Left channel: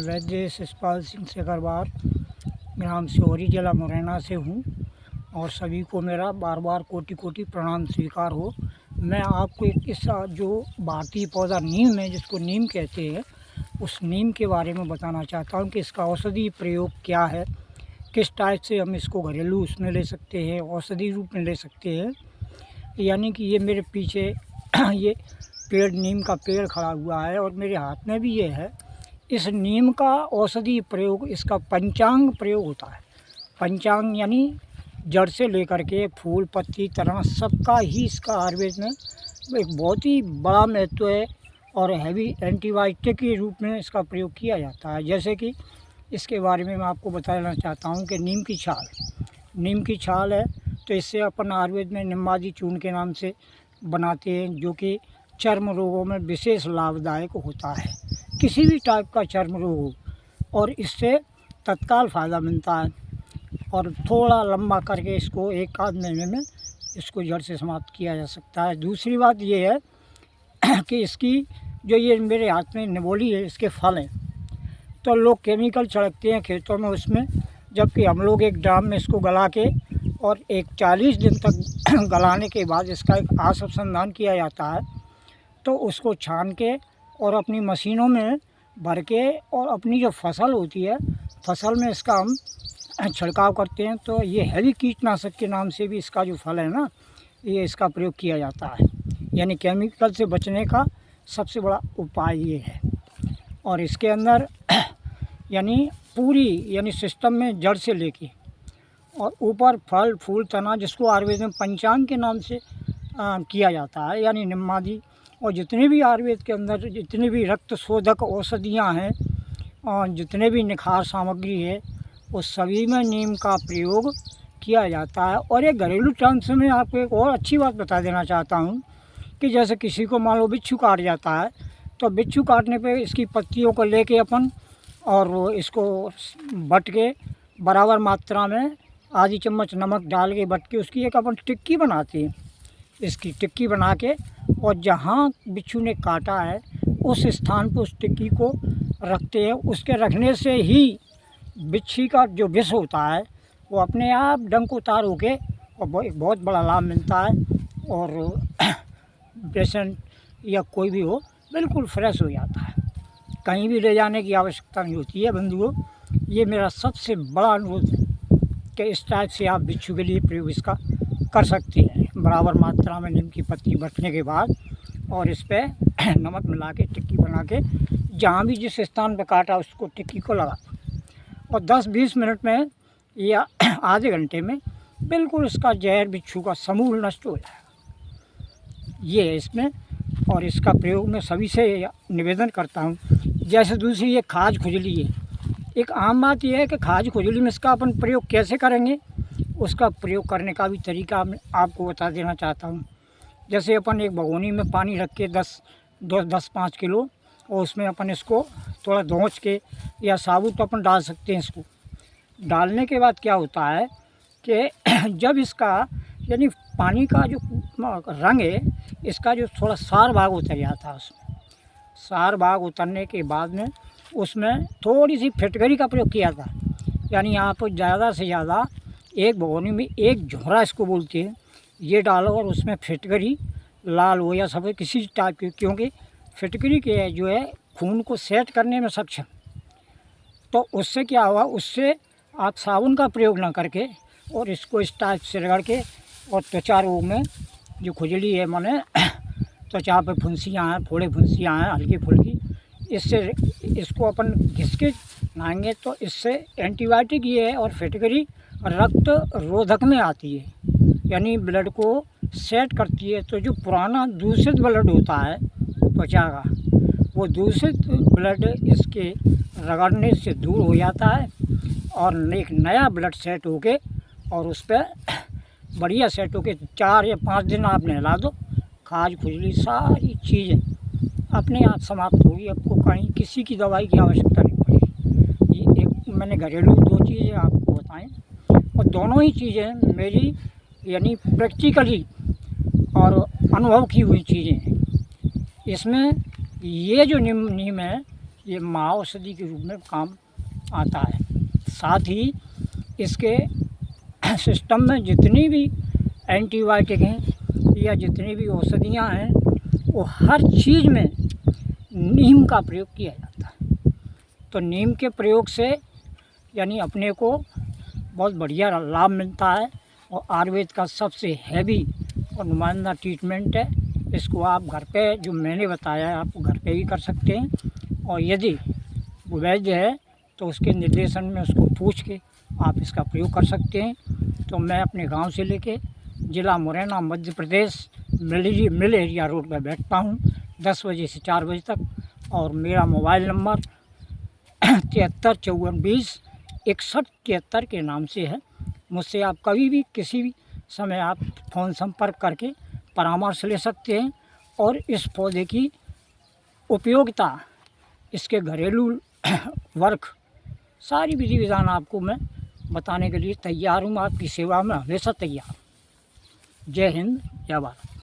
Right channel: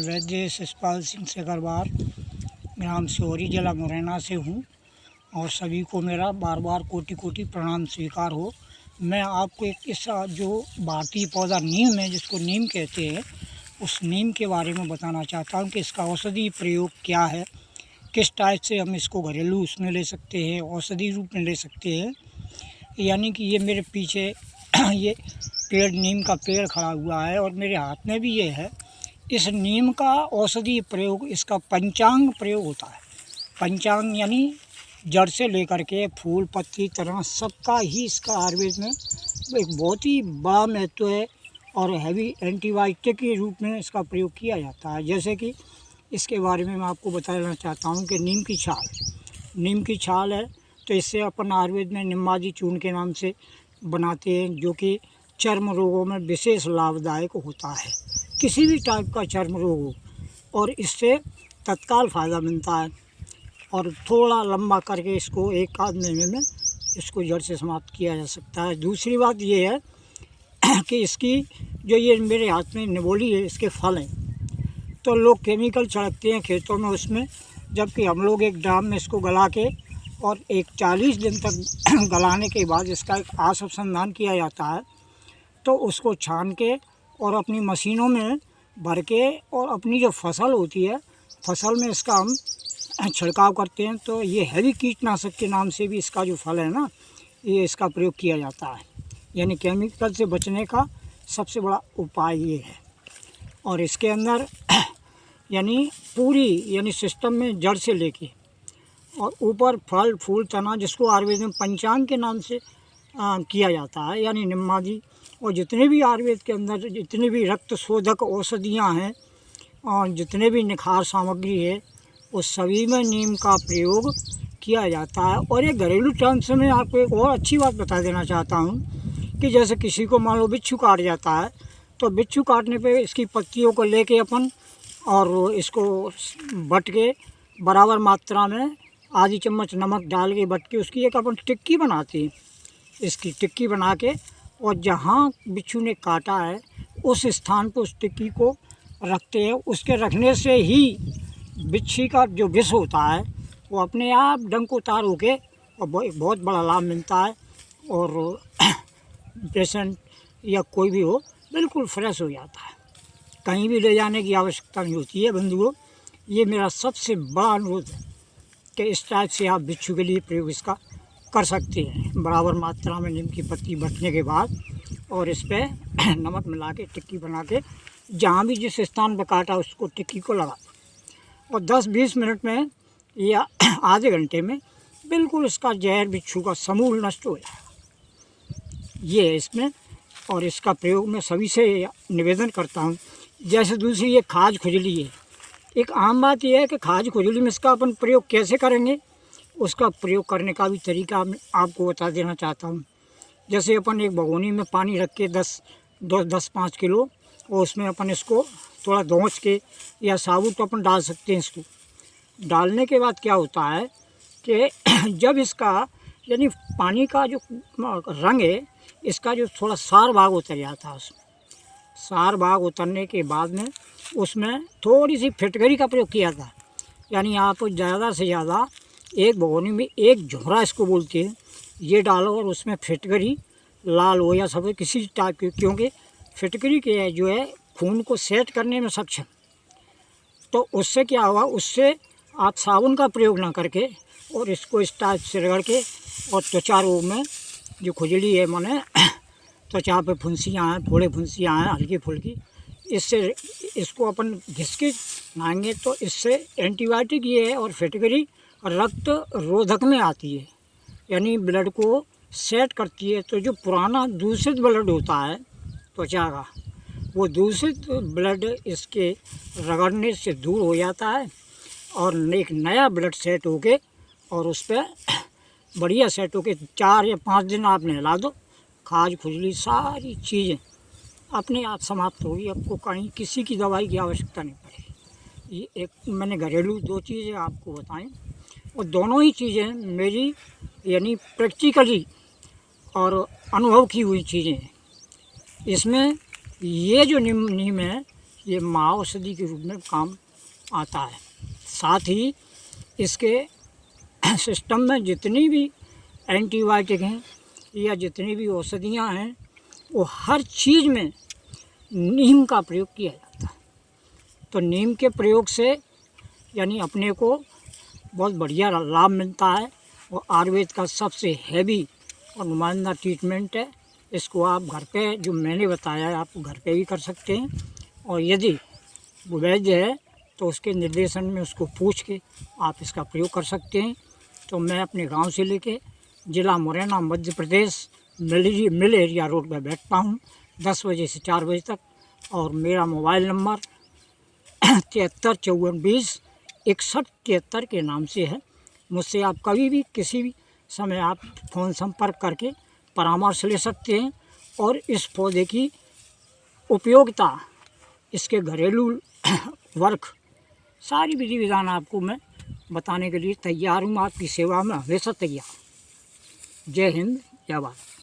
वैद्य शिषपाल सिंह सेकरवार, ग्राम सिहोरी, जिला मुरैना से हूँ और सभी को मेरा बार बार कोटि कोटि प्रणाम स्वीकार हो। मैं आपको एक किस्सा जो भारतीय पौधा नीम है, जिसको नीम कहते हैं, उस नीम के बारे में बताना चाहता हूँ कि इसका औषधि प्रयोग क्या है, किस टाइप से हम इसको घरेलू उसमें ले सकते हैं, औषधि रूप में ले सकते हैं। यानी कि ये मेरे पीछे ये पेड़, नीम का पेड़ खड़ा हुआ है और मेरे हाथ में भी ये है। इस नीम का औषधि प्रयोग, इसका पंचांग प्रयोग होता है। पंचांग यानी जड़ से लेकर के फूल, पत्ती, तना, सबका ही इसका आयुर्वेद में एक बहुत ही बड़ा महत्व है और हैवी एंटीबायोटिक के रूप में इसका प्रयोग किया जाता है। जैसे कि इसके बारे में मैं आपको बताना चाहता हूँ कि नीम की छाल है, तो इससे अपन आयुर्वेद में निम्बाजी चूर्ण के नाम से बनाते हैं, जो कि चर्म रोगों में विशेष लाभदायक होता है। किसी भी टाइप का चर्म रोग हो और इससे तत्काल फ़ायदा मिलता है और थोड़ा लंबा करके इसको एक आध महीने में इसको जड़ से समाप्त किया जा सकता है। दूसरी बात ये है कि इसकी जो ये मेरे हाथ में निबोली है, इसके फल हैं, तो लोग केमिकल छिड़कते हैं खेतों में उसमें, जबकि हम लोग एक ड्राम में इसको गला के और एक 40 दिन तक गलाने के बाद इसका एक अनुसंधान किया जाता है, तो उसको छान के और अपनी मशीनों में भर के और अपनी जो फसल होती है, फसल में इसका हम छिड़काव करते हैं। तो ये हैवी कीटनाशक के नाम से भी इसका जो फल है ना, ये इसका प्रयोग किया जाता है। यानी केमिकल से बचने का सबसे बड़ा उपाय ये है। और इसके अंदर यानी पूरी सिस्टम में जड़ से लेके और ऊपर फल, फूल, तना, जिसको आयुर्वेद में पंचांग के नाम से किया जाता है, यानी निम्बाजी, और जितने भी आयुर्वेद के अंदर जितने भी रक्त शोधक औषधियाँ हैं और जितने भी निखार सामग्री है, उस सभी में नीम का प्रयोग किया जाता है। और एक घरेलू टर्म्स में आपको एक और अच्छी बात बता देना चाहता हूँ कि जैसे किसी को मान लो बिच्छू काट जाता है, तो बिच्छू काटने पे इसकी पत्तियों को लेके अपन और इसको बट के बराबर मात्रा में आधी चम्मच नमक डाल के बट के उसकी एक अपन टिक्की बनाते हैं। इसकी टिक्की बना के और जहाँ बिच्छू ने काटा है उस स्थान पर उस टिक्की को रखते हैं। उसके रखने से ही बिच्छी का जो विष होता है वो अपने आप डंक उतार होके और एक बहुत बड़ा लाभ मिलता है और पेशेंट या कोई भी हो बिल्कुल फ्रेश हो जाता है। कहीं भी ले जाने की आवश्यकता नहीं होती है। बंधुओं, ये मेरा सबसे बड़ा अनुरोध है कि इस टाइप से आप बिच्छू के लिए प्रयोग इसका कर सकते हैं। बराबर मात्रा में नीम की पत्ती बटने के बाद और इस पर नमक मिला के टिक्की बना के जहाँ भी जिस स्थान पर काटा उसको टिक्की को लगा और 10-20 मिनट में या आधे घंटे में बिल्कुल इसका जहर बिच्छू का समूल नष्ट हो जाएगा। ये है इसमें। और इसका प्रयोग मैं सभी से निवेदन करता हूँ। जैसे दूसरी ये खाज खुजली है, एक आम बात यह है कि खाज खुजली में इसका अपन प्रयोग कैसे करेंगे, उसका प्रयोग करने का भी तरीका मैं आपको बता देना चाहता हूँ। जैसे अपन एक भगोनी में पानी रख के 10-5 किलो और उसमें अपन इसको थोड़ा धोंच के या साबुत अपन डाल सकते हैं। इसको डालने के बाद क्या होता है कि जब इसका यानी पानी का जो रंग है, इसका जो थोड़ा सार भाग उतर जाता है, उसमें सार भाग उतरने के बाद में उसमें थोड़ी सी फिटकरी का प्रयोग किया था। यानी आप ज़्यादा से ज़्यादा एक भगोनी में एक झोरा इसको बोलते हैं, ये डालो और उसमें फिटकरी लाल हो या सफ़ेद किसी टाइप की, क्योंकि फिटकरी के जो है खून को सेट करने में सक्षम। तो उससे क्या हुआ, उससे आप साबुन का प्रयोग ना करके और इसको इस टाइप से रगड़ के और त्वचा रोग में जो खुजली है, माने त्वचा पे फुंसियाँ हैं, थोड़े फुंसियाँ हैं हल्की फुल्की, इससे इसको अपन घिस के नहाएंगे तो इससे एंटीबायोटिक ये है और फिटकरी रक्त रोधक में आती है, यानी ब्लड को सेट करती है। तो जो पुराना दूषित ब्लड होता है त्वचा का, वो दूषित ब्लड इसके रगड़ने से दूर हो जाता है और एक नया ब्लड सेट होके और उस पर बढ़िया सेट होके 4 या 5 दिन आप नहला दो, खाज खुजली सारी चीज़ें अपने आप समाप्त होगी। आपको कहीं किसी की दवाई की आवश्यकता नहीं पड़ेगी। ये एक मैंने घरेलू 2 चीज़ें आपको बताएं और दोनों ही चीज़ें मेरी यानी प्रैक्टिकली और अनुभव की हुई चीज़ें हैं। इसमें ये जो नीम है ये महाऔषधि के रूप में काम आता है। साथ ही इसके सिस्टम में जितनी भी एंटीबायोटिक हैं या जितनी भी औषधियाँ हैं, वो हर चीज़ में नीम का प्रयोग किया जाता है। तो नीम के प्रयोग से यानी अपने को बहुत बढ़िया लाभ मिलता है और आयुर्वेद का सबसे हैवी और नुमाइंदा ट्रीटमेंट है। इसको आप घर पे जो मैंने बताया है आप घर पे भी कर सकते हैं, और यदि वो वैद्य है तो उसके निर्देशन में उसको पूछ के आप इसका प्रयोग कर सकते हैं। तो मैं अपने गांव से लेके ज़िला Morena Madhya Pradesh mill area road पर बैठता हूँ 10 बजे से 4 बजे तक, और मेरा मोबाइल नंबर 7354206173 के नाम से है। मुझसे आप कभी भी किसी भी समय आप फ़ोन संपर्क करके परामर्श ले सकते हैं, और इस पौधे की उपयोगिता, इसके घरेलू वर्क, सारी विधि विधान आपको मैं बताने के लिए तैयार हूँ। आपकी सेवा में हमेशा तैयार। जय हिंद, जय भारत।